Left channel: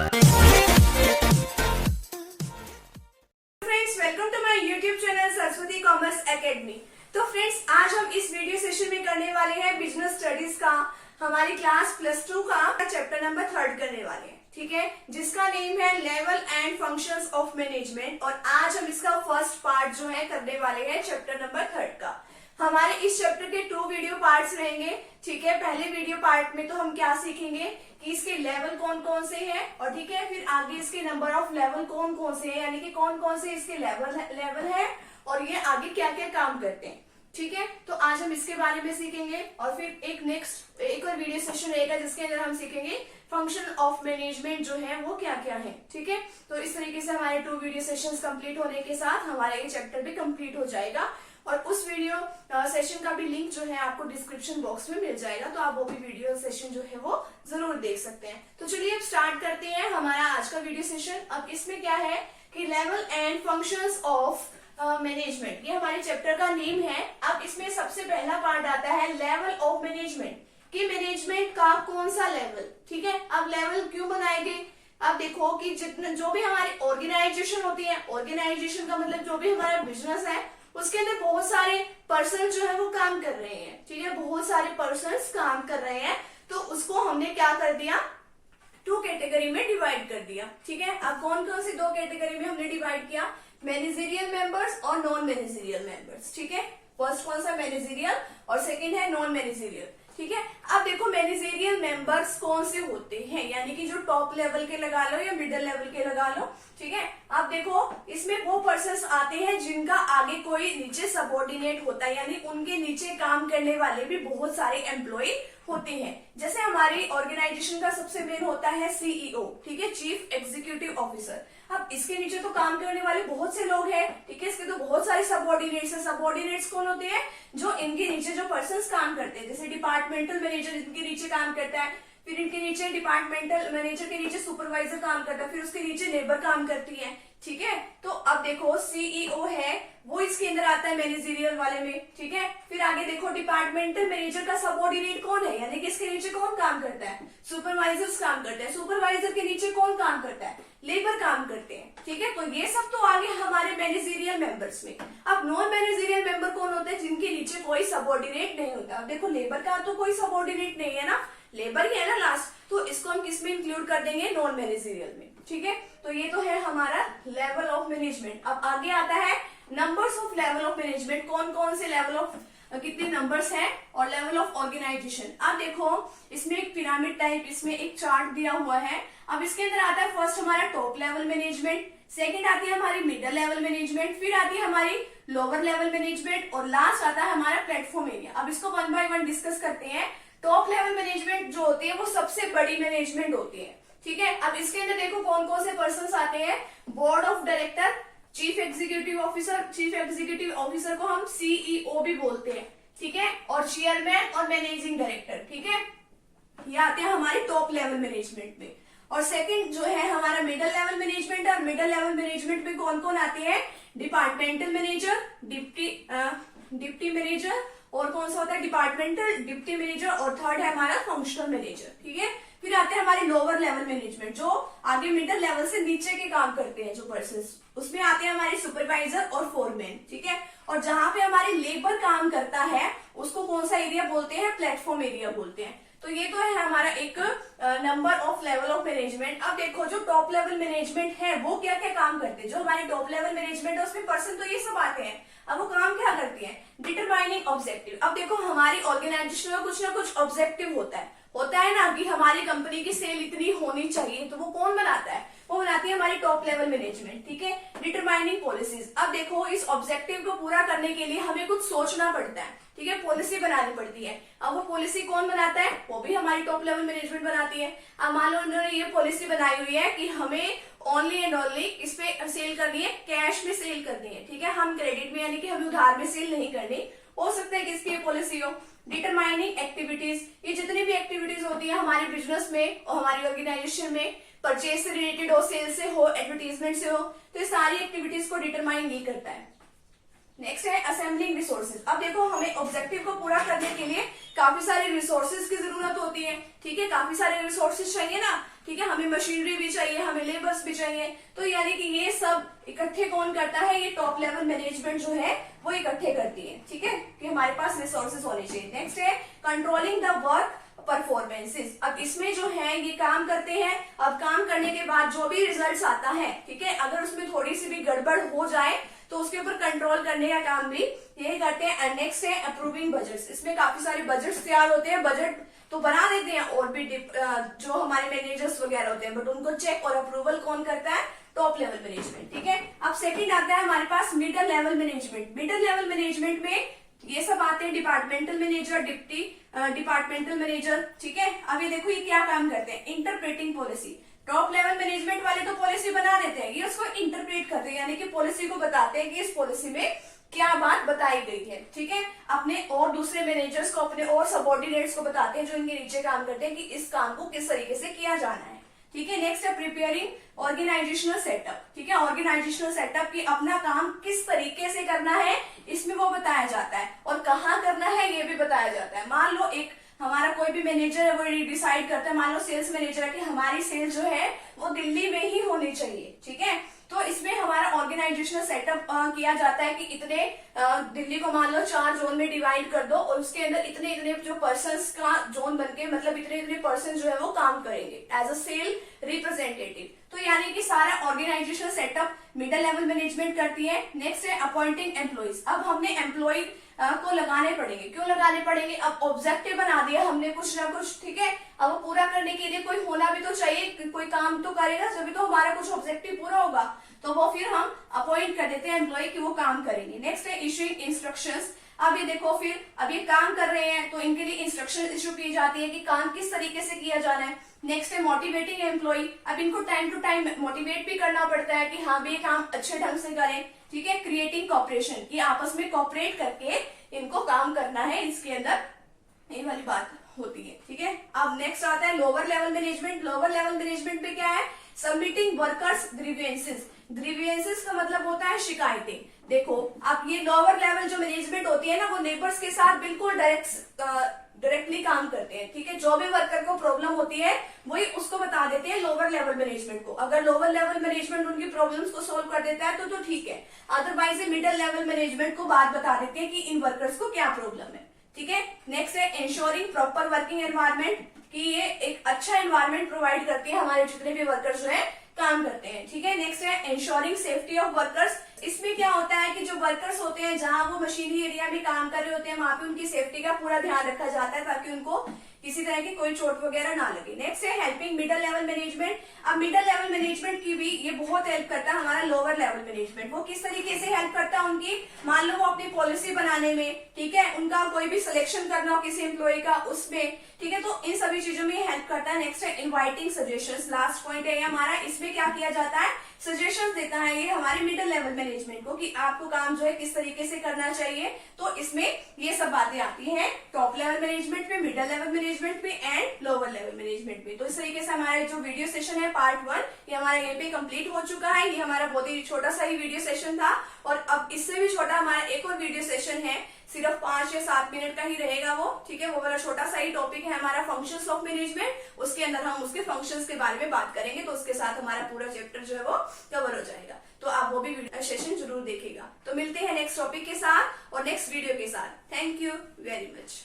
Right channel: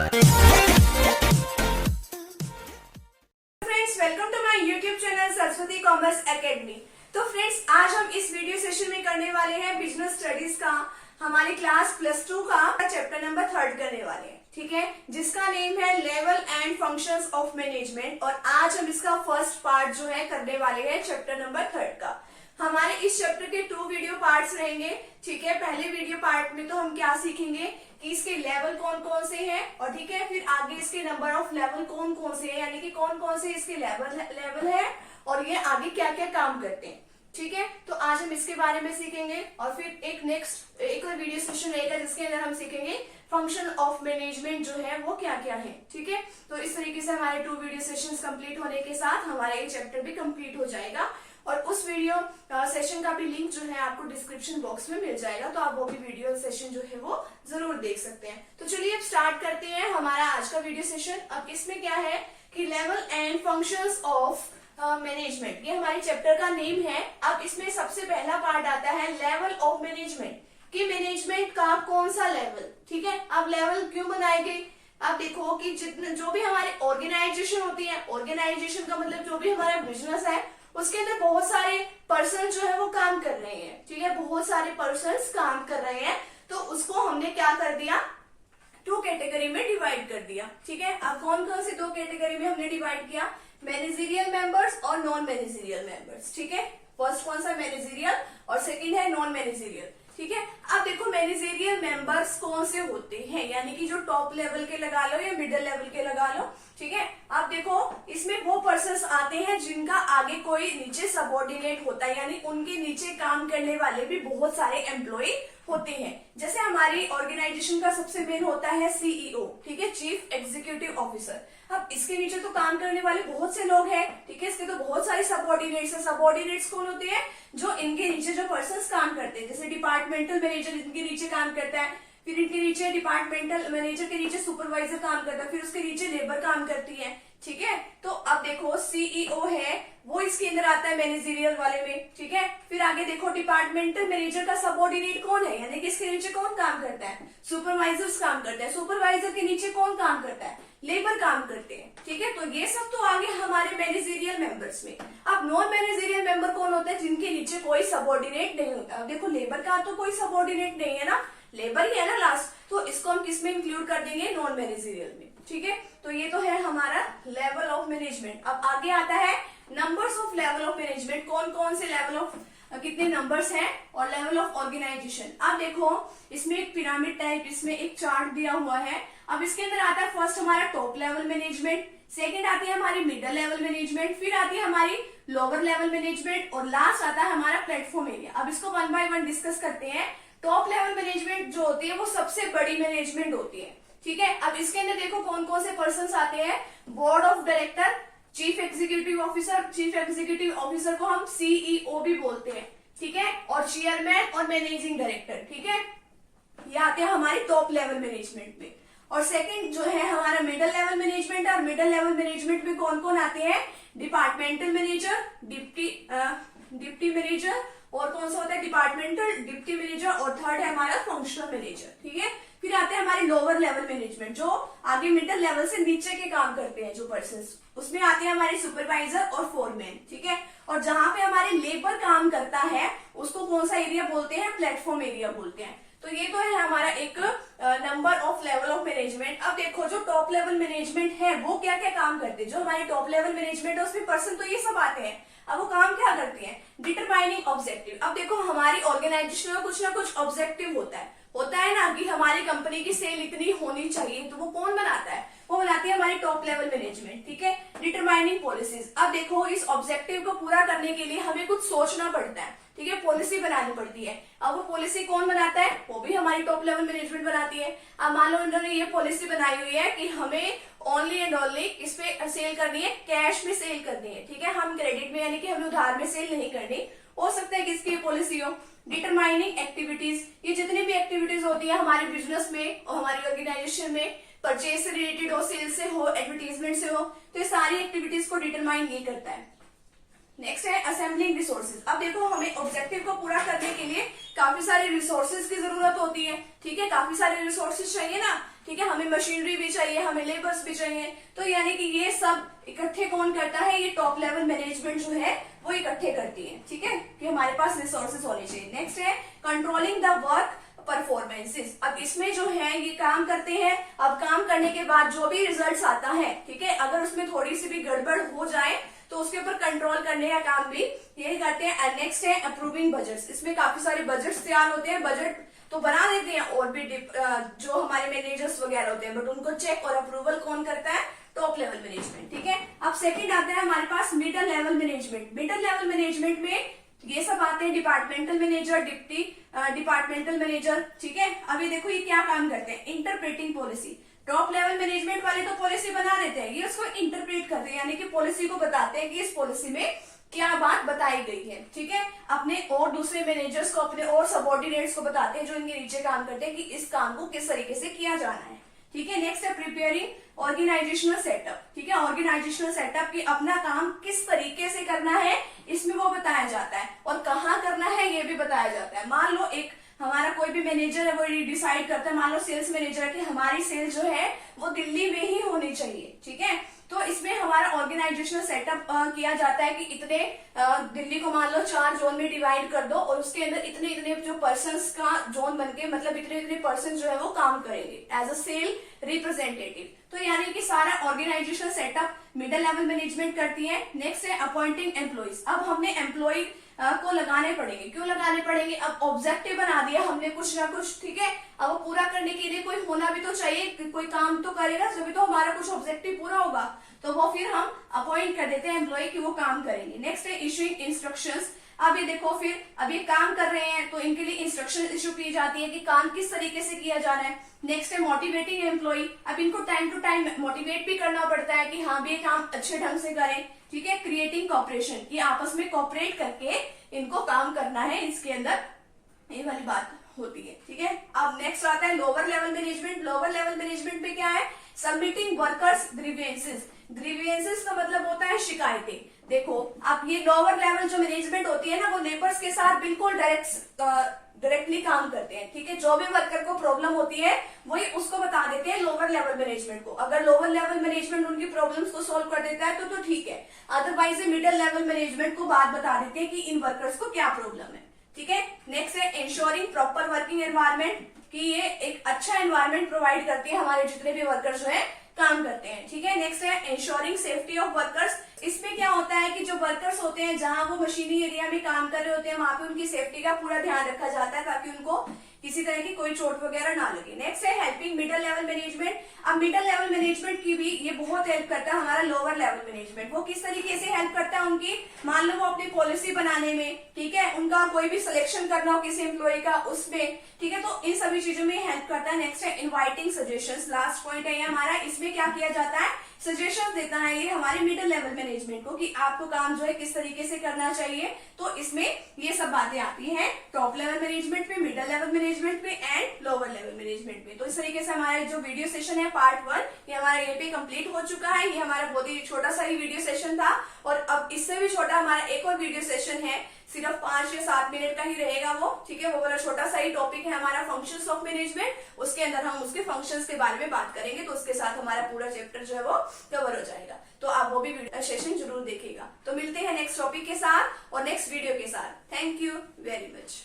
Friends, welcome to my YouTube channel Saraswati commerce academy. तो friends, आज हम इस वीडियो सेशन में करने वाले हैं बिजनेस स्टडीज का हमारी क्लास +2 का चैप्टर नंबर 3 करने वाले हैं, ठीक है, जिसका नेम है level and functions of management. और आज हम इसका फर्स्ट पार्ट जो है करने वाले हैं चैप्टर नंबर 3 का। हमारे इस चैप्टर के 2 वीडियो पार्ट्स रहेंगे, ठीक है। पहले वीडियो पार्ट में तो हम क्या सीखेंगे कि इसके लेवल कौन कौन से हैं, और ठीक है, फिर आगे इसके नंबर ऑफ लेवल कौन कौन से हैं, यानी कि कौन कौन से इसके लेवल है और ये आगे क्या क्या काम करते हैं, ठीक है। तो आज हम इसके बारे में सीखेंगे और फिर एक और वीडियो सेशन रहेगा जिसके अंदर हम सीखेंगे फंक्शन ऑफ मैनेजमेंट जो है वो क्या क्या है, ठीक है। तो इस तरीके से हमारे 2 वीडियो सेशंस कंप्लीट होने के साथ हमारा ये चैप्टर भी कंप्लीट हो जाएगा। और उस वीडियो सेशन का भी लिंक जो है आपको डिस्क्रिप्शन बॉक्स में मिल जाएगा, तो आप वो भी वीडियो सेशन जो है वो जरूर देख सकते हैं। तो चलिए अब स्टार्ट करते हैं हमारा आज का वीडियो सेशन। अब इसमें क्या है कि level and functions of management, ये हमारे चैप्टर का नेम है। अब इसमें सबसे पहला पार्ट आता है लेवल ऑफ मैनेजमेंट, कि मैनेजमेंट का कौन सा लेवल, ठीक है। अब लेवल क्यों बनाए गए, अब देखो कि जितने जो भी हमारी ऑर्गेनाइजेशन होती है, ऑर्गेनाइजेशन का मतलब जो भी हमारा बिजनेस है उसके अंदर बहुत सारे पर्सन जो है वो काम कर रहे हैं, ठीक है, बहुत सारे पर्सन काम कर रहे हैं। तो उसको हमने क्या कर दिया, 2 कैटेगरी में डिवाइड कर दिया, ठीक है। अब कौन कौन सी 2 कैटेगरी में हमने डिवाइड किया, मैनेजरियल मेंबर्स और नॉन मैनेजरियल मेंबर्स, ठीक है। फर्स्ट कौन सा, मैनेजरियल, और सेकंड है नॉन मैनेजरियल, ठीक है। अब देखो मैनेजरियल मेंबर्स कौन से होते हैं, यानी कि जो टॉप लेवल के लगा लो या मिडिल लेवल के लगा लो, ठीक है। अब देखो इसमें वो पर्सन्स आते हैं जिनका आगे कोई नीचे सबऑर्डिनेट होता है, यानी उनके नीचे काम करने वाले भी बहुत सारे एम्प्लॉय होते हैं। जैसे हमारी ऑर्गेनाइजेशन का सबसे मेन होता है सीईओ, ठीक है, चीफ एग्जीक्यूटिव ऑफिसर। अब इसके नीचे तो काम करने वाले बहुत से लोग हैं, ठीक है, इसके तो बहुत सारे सबऑर्डिनेट्स हैं। सबऑर्डिनेट्स कौन होते हैं, जो इनके नीचे जो पर्सन्स काम करते हैं, जैसे डिपार्टमेंटल मैनेजर इनके नीचे काम करता है, फिर इनके नीचे डिपार्टमेंटल मैनेजर के नीचे सुपरवाइजर काम करता है, फिर उसके नीचे लेबर काम करती है, ठीक है। तो अब देखो सीईओ है वो इसके अंदर आता है मैनेजरियल वाले में, ठीक है। फिर आगे देखो डिपार्टमेंटल मैनेजर का सबऑर्डिनेट कौन है, यानी कि इसके नीचे कौन काम करता है, सुपरवाइजर्स काम करते हैं। सुपरवाइजर के नीचे कौन काम करता है, लेबर काम करते हैं, ठीक है। तो ये सब तो आगे हमारे मैनेजरियल मेंबर्स में। अब नॉन मैनेजरियल मेंबर कौन होते हैं, जिनके नीचे कोई सबऑर्डिनेट नहीं होता। अब देखो लेबर का तो कोई सबऑर्डिनेट नहीं है ना, लेबर ही है ना लास्ट, तो इसको हम किस में इंक्लूड कर देंगे, नॉन मैनेजरियल में, ठीक है। तो ये तो है हमारा लेवल ऑफ मैनेजमेंट। अब आगे आता है numbers of level of management, कौन कौन से लेवल ऑफ कितने नंबर्स हैं, और लेवल ऑफ ऑर्गेनाइजेशन। अब देखो इसमें एक पिरामिड टाइप इसमें एक चार्ट दिया हुआ है। अब इसके अंदर आता है फर्स्ट हमारा टॉप लेवल मैनेजमेंट, सेकंड आती है हमारी मिडिल लेवल मैनेजमेंट, फिर आती है हमारी लोअर लेवल मैनेजमेंट, और लास्ट आता है हमारा प्लेटफॉर्म एरिया। अब इसको 1 बाय 1 डिस्कस करते हैं। टॉप लेवल मैनेजमेंट जो होती है वो सबसे बड़ी मैनेजमेंट होती है, ठीक है। अब इसके अंदर देखो कौन कौन से पर्सन आते हैं, board of director, chief executive officer, chief executive officer को हम सीईओ भी बोलते हैं, ठीक है, और चेयरमैन और मैनेजिंग डायरेक्टर, ठीक है, ये आते हैं हमारी टॉप लेवल मैनेजमेंट में। और सेकंड जो है हमारा मिडिल लेवल मैनेजमेंट, और मिडिल लेवल मैनेजमेंट में कौन कौन आते हैं, डिपार्टमेंटल मैनेजर, डिप्टी मैनेजर, और कौन सा होता है डिपार्टमेंटल डिप्टी मैनेजर, और थर्ड है हमारा फंक्शनल मैनेजर, ठीक है। फिर आते हैं हमारे लोअर लेवल मैनेजमेंट, जो आगे मिडिल लेवल से नीचे के काम करते हैं जो पर्सन, उसमें आते हैं हमारे सुपरवाइजर और फोरमैन, ठीक है। और जहां पे हमारे लेबर काम करता है उसको कौन सा एरिया बोलते हैं, प्लेटफॉर्म एरिया बोलते हैं। तो ये तो है हमारा एक number of level of management. अब देखो जो टॉप लेवल मैनेजमेंट है वो क्या क्या काम करते हैं, जो हमारी टॉप लेवल मैनेजमेंट है उसमें पर्सन तो ये सब आते हैं। अब वो काम क्या करती है, डिटरमाइनिंग ऑब्जेक्टिव। अब देखो हमारी ऑर्गेनाइजेशन में कुछ ना कुछ ऑब्जेक्टिव होता है ना, कि हमारी कंपनी की सेल इतनी होनी चाहिए, तो वो कौन बनाता है, वो बनाती है हमारी टॉप लेवल मैनेजमेंट, ठीक है। डिटरमाइनिंग पॉलिसीज, अब देखो इस ऑब्जेक्टिव को पूरा करने के लिए हमें कुछ सोचना पड़ता है, ठीक है, पॉलिसी बनानी पड़ती है। अब वो पॉलिसी कौन बनाता है, वो भी हमारी टॉप लेवल मैनेजमेंट बनाती है। अब मान लो उन्होंने ये पॉलिसी बनाई हुई है कि हमें ओनली एंड ओनली इस पे सेल करनी है, कैश में सेल करनी है, ठीक है, हम क्रेडिट में यानी कि हमें उधार में सेल नहीं करनी। हो सकता है कि इसकी पॉलिसी हो। डिटरमाइनिंग एक्टिविटीज, ये जितनी भी एक्टिविटीज होती है हमारे बिजनेस में और हमारी ऑर्गेनाइजेशन में, परचेज से रिलेटेड हो, सेल से हो, एडवर्टीजमेंट से हो, तो ये सारी एक्टिविटीज को डिटरमाइन ये करता है। नेक्स्ट है असेंबलिंग रिसोर्सेज। अब देखो हमें ऑब्जेक्टिव को पूरा करने के लिए काफी सारे रिसोर्सेज की जरूरत होती है, ठीक है, काफी सारे रिसोर्सेज चाहिए ना, ठीक है, हमें मशीनरी भी चाहिए, हमें लेबर्स भी चाहिए, तो यानी कि ये सब इकट्ठे कौन करता है, ये टॉप लेवल मैनेजमेंट जो है वो इकट्ठे करती है, ठीक है, कि हमारे पास रिसोर्सेज होने चाहिए। नेक्स्ट है कंट्रोलिंग द वर्क परफॉर्मेंसेस। अब इसमें जो है ये काम करते हैं, अब काम करने के बाद जो भी रिजल्ट्स आता है, ठीक है, अगर उसमें थोड़ी सी भी गड़बड़ हो जाए तो उसके ऊपर कंट्रोल करने का काम भी यही करते हैं। एंड नेक्स्ट है अप्रूविंग बजट्स। इसमें काफी सारे बजट्स तैयार होते हैं, बजट तो बना देते हैं और भी जो हमारे मैनेजर्स वगैरह होते हैं, बट उनको चेक और अप्रूवल कौन करता है, टॉप लेवल मैनेजमेंट, ठीक है। अब सेकंड आता है हमारे पास middle level management. Middle level management में ये सब आते हैं departmental manager, deputy departmental manager, ठीक है। अब ये देखो ये क्या काम करते हैं, interpreting policy. Top level management वाले तो पॉलिसी बना देते हैं, ये उसको इंटरप्रेट करते हैं, यानी कि पॉलिसी को बताते हैं कि इस पॉलिसी में क्या बात बताई गई है, ठीक है। अपने और दूसरे मैनेजर्स को, अपने और सबऑर्डिनेट्स को बताते हैं जो इनके नीचे काम करते हैं कि इस काम को किस तरीके से किया जाना है, ठीक है। नेक्स्ट है प्रिपेयरिंग ऑर्गेनाइजेशनल सेटअप, ठीक है। ऑर्गेनाइजेशनल सेटअप की अपना काम किस तरीके से करना है इसमें वो बताया जाता है, और कहाँ करना है ये भी बताया जाता है। मान लो एक हमारा कोई भी मैनेजर है वो डिसाइड करता है, मान लो सेल्स मैनेजर है कि हमारी सेल्स जो है वो दिल्ली में ही होनी चाहिए, ठीक है, तो इसमें हमारा ऑर्गेनाइजेशनल सेटअप किया जाता है कि इतने दिल्ली को मान लो 4 जोन में डिवाइड कर दो और उसके अंदर इतने इतने जो पर्सन्स का जोन बनके, मतलब इतने इतने पर्सन जो है वो काम करेंगे एज अ सेल रिप्रेजेंटेटिव। तो यानी कि सारा organizational setup middle level management करती है। नेक्स्ट है अपॉइंटिंग एम्प्लॉइज। अब हमने एम्प्लॉय को लगाने पड़ेंगे, क्यों लगाने पड़ेंगे, अब ऑब्जेक्टिव बना दिया हमने कुछ ना कुछ, ठीक है, अब वो पूरा करने के लिए कोई होना भी तो चाहिए, कोई काम तो करेगा तभी तो हमारा कुछ ऑब्जेक्टिव पूरा होगा, तो वो फिर हम अपॉइंट कर देते हैं एम्प्लॉय कि वो काम करेंगे। नेक्स्ट है इशूइंग इंस्ट्रक्शंस। अब ये देखो फिर अब ये काम कर रहे हैं तो इनके लिए इंस्ट्रक्शन इशू की जाती है कि काम किस तरीके से किया जाना है। नेक्स्ट है मोटिवेटिंग एम्प्लॉय। अब इनको टाइम टू टाइम मोटिवेट भी करना पड़ता है कि हाँ भी ये काम अच्छे ढंग से करें, ठीक है। क्रिएटिंग कॉपरेशन, ये आपस में कॉपरेट करके इनको काम करना है, इसके अंदर ये वाली बात होती है, ठीक है। अब नेक्स्ट आता है lower level management. Lower level management में क्या है, सबमिटिंग वर्कर्स ग्रीवेंसेस। ग्रीवेंसेस का मतलब होता है शिकायतें। देखो अब ये लोअर लेवल जो मैनेजमेंट होती है ना, वो लेबर्स के साथ बिल्कुल डायरेक्टली काम करते हैं, ठीक है। जो भी वर्कर को प्रॉब्लम होती है वही उसको बता देते हैं लोअर लेवल मैनेजमेंट को। अगर लोअर लेवल मैनेजमेंट उनकी प्रॉब्लम्स को सॉल्व कर देता है तो ठीक है, अदरवाइज मिडिल लेवल मैनेजमेंट को बात बता देते हैं कि इन वर्कर्स को क्या प्रॉब्लम है, ठीक है। नेक्स्ट है इंश्योरिंग प्रॉपर वर्किंग एनवायरमेंट, कि ये एक अच्छा एनवायरमेंट प्रोवाइड करती है हमारे जितने भी वर्कर्स जो है काम करते हैं, ठीक है। नेक्स्ट है इंश्योरिंग सेफ्टी ऑफ वर्कर्स। इसमें क्या होता है कि जो वर्कर्स होते हैं जहां वो मशीनरी एरिया में काम कर रहे होते हैं वहां पे उनकी सेफ्टी का पूरा ध्यान रखा जाता है ताकि उनको किसी तरह की कोई चोट वगैरह ना लगे। नेक्स्ट है हेल्पिंग मिडिल लेवल मैनेजमेंट। अब मिडिल लेवल मैनेजमेंट की भी ये बहुत हेल्प करता है हमारा लोअर लेवल मैनेजमेंट। वो किस तरीके से हेल्प करता है उनकी, मान लो वो अपनी पॉलिसी बनाने में, ठीक है, उनका कोई भी सिलेक्शन करना हो किसी एम्प्लॉय का उसमें, ठीक है, तो इन सभी चीजों में हेल्प करता है। नेक्स्ट है इनवाइटिंग सजेशंस। लास्ट पॉइंट है ये हमारा, इसमें क्या किया जाता है, सजेशंस देता है ये हमारे मिडिल लेवल मैनेजमेंट को कि आपको काम जो है किस तरीके से करना चाहिए। तो इसमें ये सब बातें आती हैं टॉप लेवल मैनेजमेंट में, मिडिल लेवल मैनेजमेंट में एंड लोअर लेवल मैनेजमेंट में। तो इस तरीके से हमारा जो वीडियो सेशन है पार्ट 1 ये हमारा ये पे कंप्लीट हो चुका है। ये हमारा बहुत ही छोटा सा ही वीडियो सेशन था और अब इससे भी छोटा हमारा एक और वीडियो सेशन है, सिर्फ 5 या 7 मिनट का ही रहेगा वो, ठीक है। वो वाला छोटा सा ही टॉपिक है हमारा फंक्शंस ऑफ मैनेजमेंट, उसके अंदर हम उसके फंक्शंस के बारे में बात करेंगे, तो उसके साथ हमारा पूरा चैप्टर जो है वो कवर हो जाएगा। तो आप वो भी सेशन जरूर देखिएगा। तो मिलते हैं नेक्स्ट टॉपिक के साथ और नेक्स्ट वीडियो के साथ। Thank you very much.